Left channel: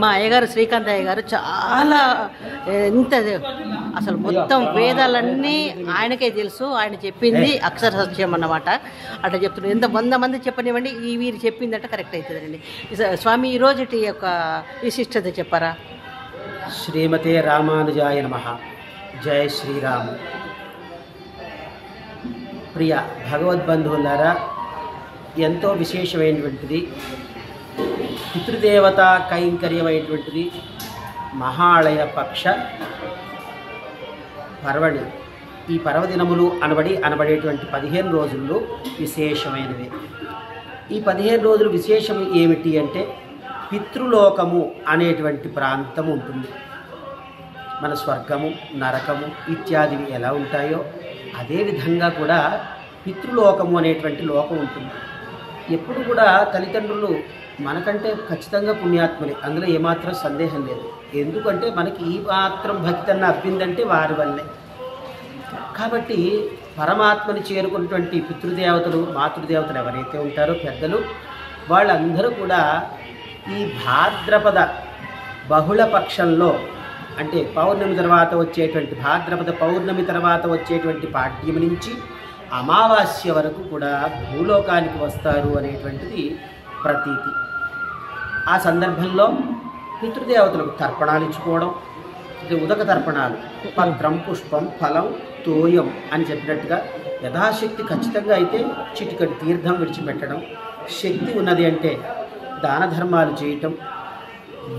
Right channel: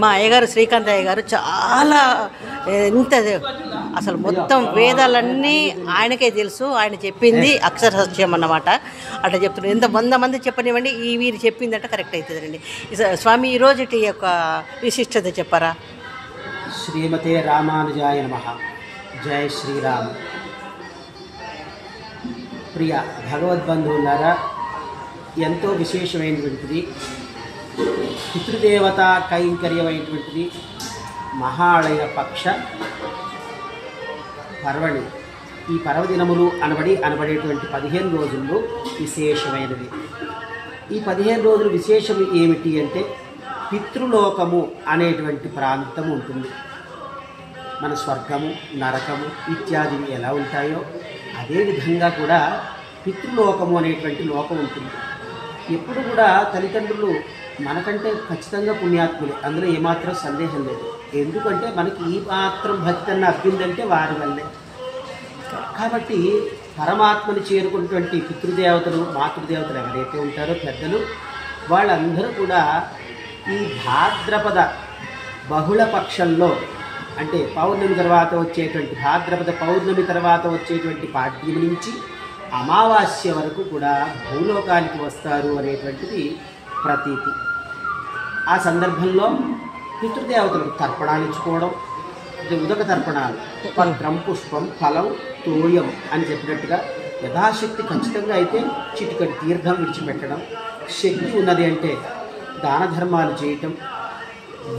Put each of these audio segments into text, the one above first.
మా అయ్యగారు శ్రీకాంత్ అయ్య గారు చాలా ఎంత అసలు మొత్తం వేదాలన్నీ ఆయనకే తెలుసు. ఆయన చెప్పింది అక్షర సత్యం అన్నమాట. అట్లా చెప్తున్నారు. ఎంత 100 మంది చెప్పనివ్వండి, ఈ వీరు చెప్పిందంటే కరెక్ట్ అవుతుందండి. స్వామి ఈరోజుటి యొక్క విశిష్టత చెప్పారా? శ్రీమతే రామానుజాయ నమః. జయ శ్రీరామ్. ప్రియ భగవద్బంధువులారా, ఎంతో విశేషమైనటువంటిది పితృదేవత కైంకర్యమైనటువంటిది మహాళయ పక్ష పర్వణి. ఈ పర్వదినములు అనబడేటువంటి 15 రోజుల్లో విశేషమైనవి. ఈ 15 రోజులు విశేషం ఏమిటి అంటే, పితృలోకము అనేటువంటి ప్రాంతం ఉంటుంది. మన స్వర్గము, నరకము ఇత్యాదివి ఎలా ఉంటాయో అదేవిధంగా కూడా పితృలోకము అనేటువంటి లోకం ఉంటుంది. ఎప్పుడు కూడా తల్లిదండ్రులు మనకంటే ఖచ్చితంగా పుణ్యాత్ములే, అందులో ఏమాత్రం సందేహం లేదు. ఎందుకంటే మనకి ఈ మాత్రం భక్తి అన్న అబ్బిందంటే వారి వల్లే. కాబట్టి పరమాత్మను చేరుకున్నటువంటి పితృదేవతలు, మాతృదేవతలు ఎవరైతే ఉంటారో పెద్దలు, వాళ్ళందరూ కూడా ఈ భాద్రపద బహుళ పక్షంలో, అంటే పౌర్ణమి తర్వాత వచ్చేటువంటి భాద్రపద పౌర్ణమి తర్వాత వచ్చేటువంటి పాడ్యం నుంచి అమావాస్య వరకు కూడా భూలోకానికి వస్తారు అనేటువంటిది ప్రతీతి. ఆ సందర్భంలో పితృదేవతలకు తర్పణాలు ఇచ్చుకోవడం, ఉదక తర్పణాలు, పత్రం, పుష్పం, ఫలం, తోయం అని చెప్పినట్టుగా యథాశక్తి ఖచ్చితంగా అయితే చిటికటి తీర్థం విడిచిపెట్టడం, శక్తి ఉన్నది అంటే దాన ధర్మాలు చేయటం,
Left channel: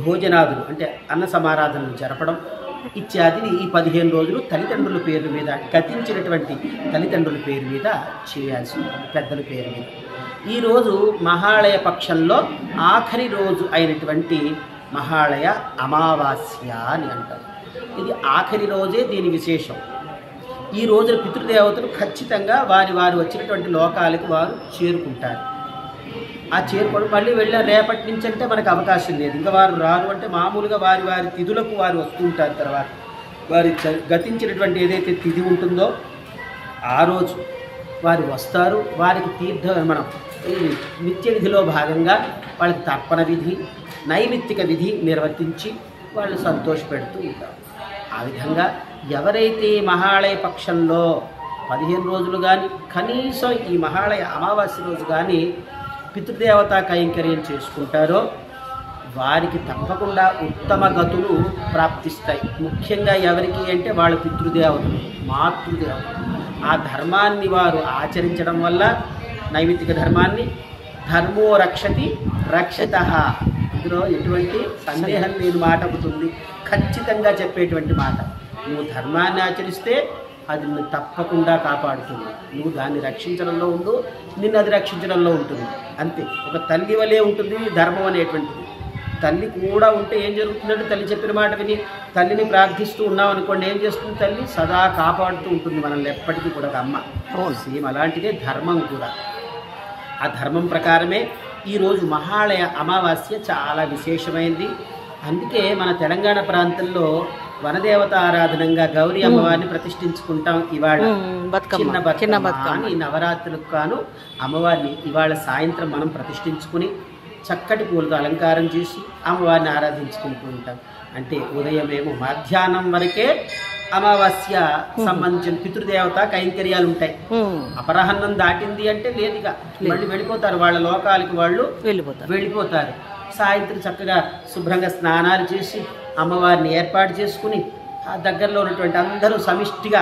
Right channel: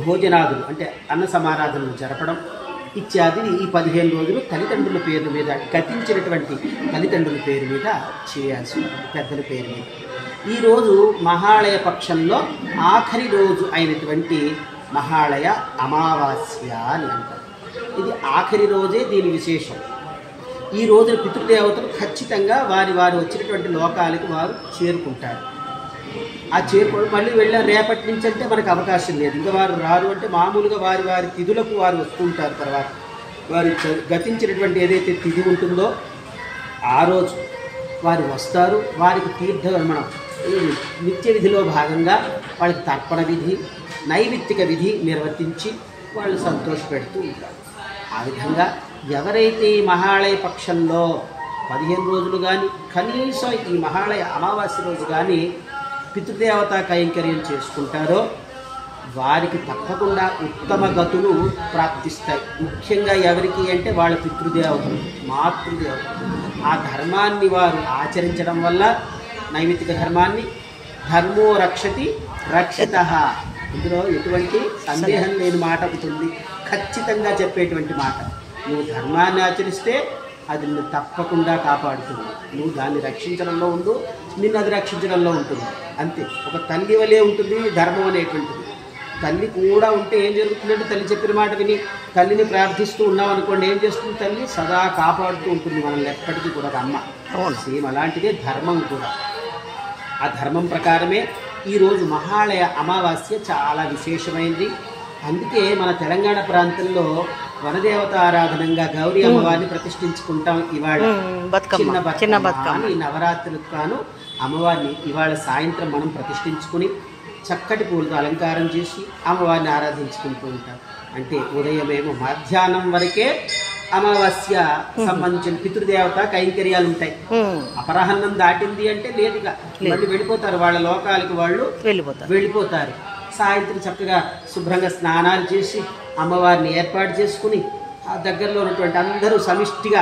భోజనాదులు అంటే అన్న సమారాధనలు జరపడం ఇత్యాది ఈ 15 రోజులు తల్లిదండ్రుల పేరు మీద, గతించినటువంటి తల్లిదండ్రుల పేరు మీద చేయాల్సి ఉంటుంది, పెద్దల పేరు మీద. ఈరోజు మహాళయ పక్షంలో ఆఖరి రోజు అయినటువంటి మహాళయ అమావాస్య అని అంటారు. ఇది ఆఖరి రోజే దీని విశేషం. ఈ రోజున పితృదేవతలు ఖచ్చితంగా వారి వచ్చినటువంటి లోకాలకు వారు చేరుకుంటారు. ఆ చేరుకోవడం మళ్ళీ వెళ్ళిన రేపటి నుంచి అంటే మనకు అవకాశం లేదు, ఇంకా వారు రారు. అంటే మామూలుగా వారి తిథులకు వారు వస్తూ ఉంటారు. తర్వాత వారి గతించినటువంటి ఏదైతే తిథి ఉంటుందో ఆ రోజు వారు వస్తారు. వారికి తీర్థ ఈ నిత్య విధిలో భాగంగా వాళ్ళకి తర్పణ విధి, నైమిత్తిక విధి నిర్వర్తించి వాళ్ళు సంతోషపెడుతూ ఉంటారు. ఆ విధంగా ఎవరైతే ఈ మహాళయ పక్షంలో 15 రోజులు కానీ, కనీసం ఈ మహాళయ అమావాస్య రోజు కానీ పితృదేవతా కైంకర్యం చేసుకుంటారో వారికి తప్పకుండా ఉత్తమ గతులు ప్రాప్తిస్తాయి. ముఖ్యంగా ఎవరికి అంటే వాళ్ళ పితృదేవతలు, మాతృదేవతలు. ఆ ధర్మాన్ని వారు ఆచరించడం వల్ల, నైమిత్తిక ధర్మాన్ని, ధర్మో రక్షతి రక్షితః, ఇందులో ఎటువంటి సందేహం లేని మాట ఒకటి ఉంది, ఖచ్చితంగా చెప్పేటువంటి మాట. నువ్వు ధర్మాన్ని ఆచరిస్తే అది నిన్ను తప్పకుండా కాపాడుతుంది. నువ్వు దాన్ని రక్షించడంలో ఉండు, నిన్ను అది రక్షించడంలో ఉంటుంది. అంతే. ఒక తల్లి వలే ఉంటుంది ధర్మం అనేటువంటిది. తల్లి కూడా ఉంటే ఏం జరుగుతుందంటే, తల్లి చెప్పిన మాట విని తల్లిని ప్రార్థిస్తూ ఉన్నాం అనుకోండి, ఏం చేస్తుంది? తల్లి సదా కాపాడుతూ ఉంటుంది మనల్ని ఎప్పటికీ కూడా. అమ్మ సేమ్ అలాంటిదే ధర్మం కూడా. ఆ ధర్మం ప్రకారమే ఈరోజు మహాళయ అమావాస్య చాలా విశేషమైంది. అందుకే మన తెలంగాణ ప్రాంతంలో వనదేవత ఆరాధనంగా గౌరీ అమ్మవారిని ప్రతిష్ఠించుకుంటాం. ఇవాళ చిన్న బతుకమ్మ ఈ నవరాత్రులకు కాను అమ్మవారిని ఇవాళ సాయంత్రం మనం ప్రతిష్ఠించుకుని చక్కటి పూలతో అలంకారం చేసి అమ్మవారిని ఆరాధించుకుంటూ ఉంటాం. అంటే ఉదయమేమో మధ్యాహ్నం వరకే అమావాస్య సంబంధించిన పితృదేవత కైంకర్యాలు ఉంటాయి. అపరాహ్నం దాటింది అంటే లేదుగా మళ్ళీ వెళ్ళిపోతారు, వాళ్ళ లోకాలకి వాళ్ళు వెళ్ళిపోతారు. సాయంత్రం చక్కగా శుభ్రంగా స్నానాలు చేసి అమ్మవారిని ఏర్పాటు చేసుకుని ఆ దగ్గరలో ఉన్నటువంటి అందరూ సమిష్టిగా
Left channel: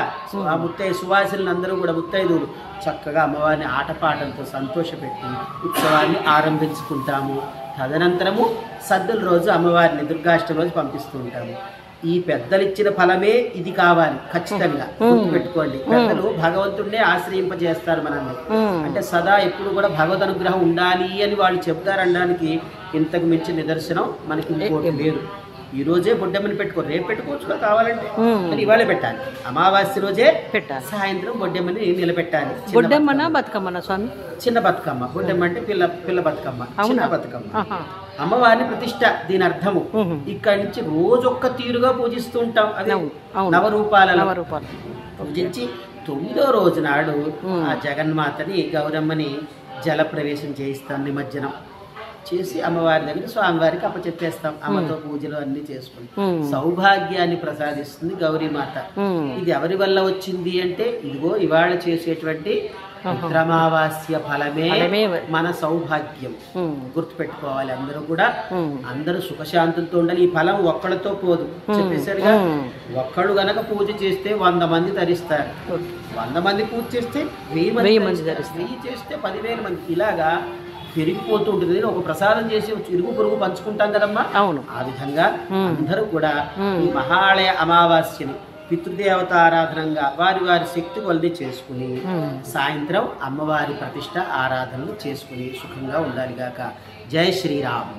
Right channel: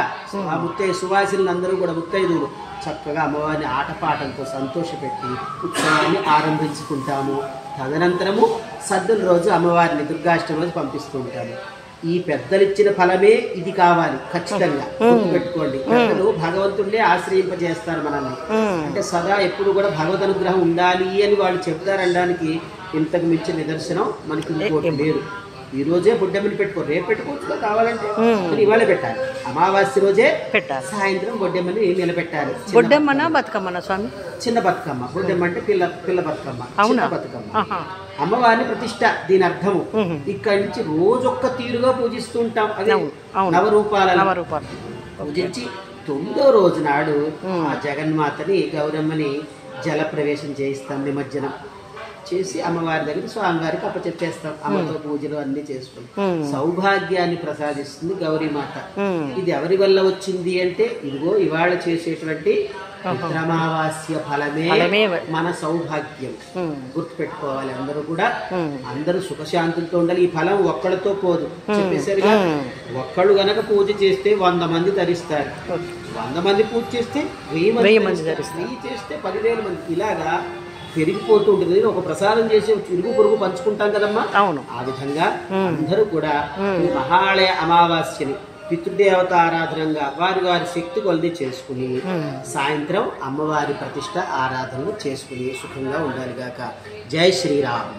ఆ సువాసినులు అందరూ కూడా ముత్తైదువులు చక్కగా అమ్మవారిని ఆటపాటలతో సంతోషపెట్టి ఉత్సవాన్ని ఆరంభించుకుంటాము. తదనంతరము సద్దుల రోజు అమ్మవారిని దుర్గాష్టమి రోజు పంపిస్తూ ఉంటాము. ఈ పెద్దలిచ్చిన ఫలమే ఇది కావాలి, ఖచ్చితంగా గుర్తుపెట్టుకోండి. పెద్దలు భగవంతుడినే ఆశ్రయింపజేస్తారు మనల్ని. అంటే సదా ఎప్పుడు కూడా భగవద్ అనుగ్రహం ఉండాలి అని వాళ్ళు చెప్తారనడానికి ఇంతకు మించిన నిదర్శనం మనకి ఇంకోటి లేదు. ఈ రోజే బొడ్డెమ్మని పెట్టుకో, రేపు పెట్టుకోవచ్చు కావాలంటే, ఇవాళ పెట్టాలి. అమావాస్య రోజే పెట్టాలి, సాయంత్రం బొడ్డెమ్మని నిలబెట్టాలి. బొడ్డెమ్మనా బతుకమ్మనా స్వామి? చిన్న బతుకమ్మ. బొడ్డెమ్మ అంటే పిల్ల బతుకమ్మ, చిన్న బతుకమ్మ. అమ్మవారిని ప్రతిష్ట దీని అర్థము. ఇక్కడి నుంచి రోజొక్క తీరుగా పూజిస్తూ ఉంటాం. అది నవరూపాలలో పూజించి 9వ రోజు నాడు ఆ జగన్మాతని, గౌరమ్మని జల ప్రవేశం చేయిస్తాం నిమజ్జనం. చేసి అమ్మవారి దగ్గర స్వామివారికి అప్పచెప్పేస్తాం. అమ్మతో పూజలు అన్ని చేసుకుంటాం. సౌభాగ్యాన్ని ప్రసాదిస్తుంది గౌరీమాత. ఇది ఎవరి వల్ల వచ్చింది అంటే ఇదిగో ఇవాళ చేసేటువంటి పిత్రమావాస్య ఫలమే మన సౌభాగ్యం. గుర్తుపెట్టుకోవాలి అందరూ కూడా. అందరూ సుఖశాంతులతో ఉండాలి. ఈ ఫలం ఒక్కడితో పోదు చెప్పేసరిగా. ఒక్కడు గనక పూజ చేస్తే 100 మంది తరిస్తారు. 100 మంది పూజ చేస్తే 1000 మంది తరిస్తారు. 1000 చేస్తే 10,000 మంది. ఇలాగా పెరిగిపోతూ ఉంటుంది. ఒక ప్రసాదం చేసి ఇరుగు పొరుగు పంచుకుంటాం కదమ్మా. అవును. ఆ విధంగా అందరూ కూడా ఈ మహాలయ అమావాస్యని పితృదేవత ఆరాధనంగా వారి వారి శక్తి కొలది చేసుకుని సాయంత్రం అమ్మవారి ప్రతిష్ట ఆరాధనలు చేసుకుని సుఖంగా ఉండాలి గాక. జై శ్రీరామ్.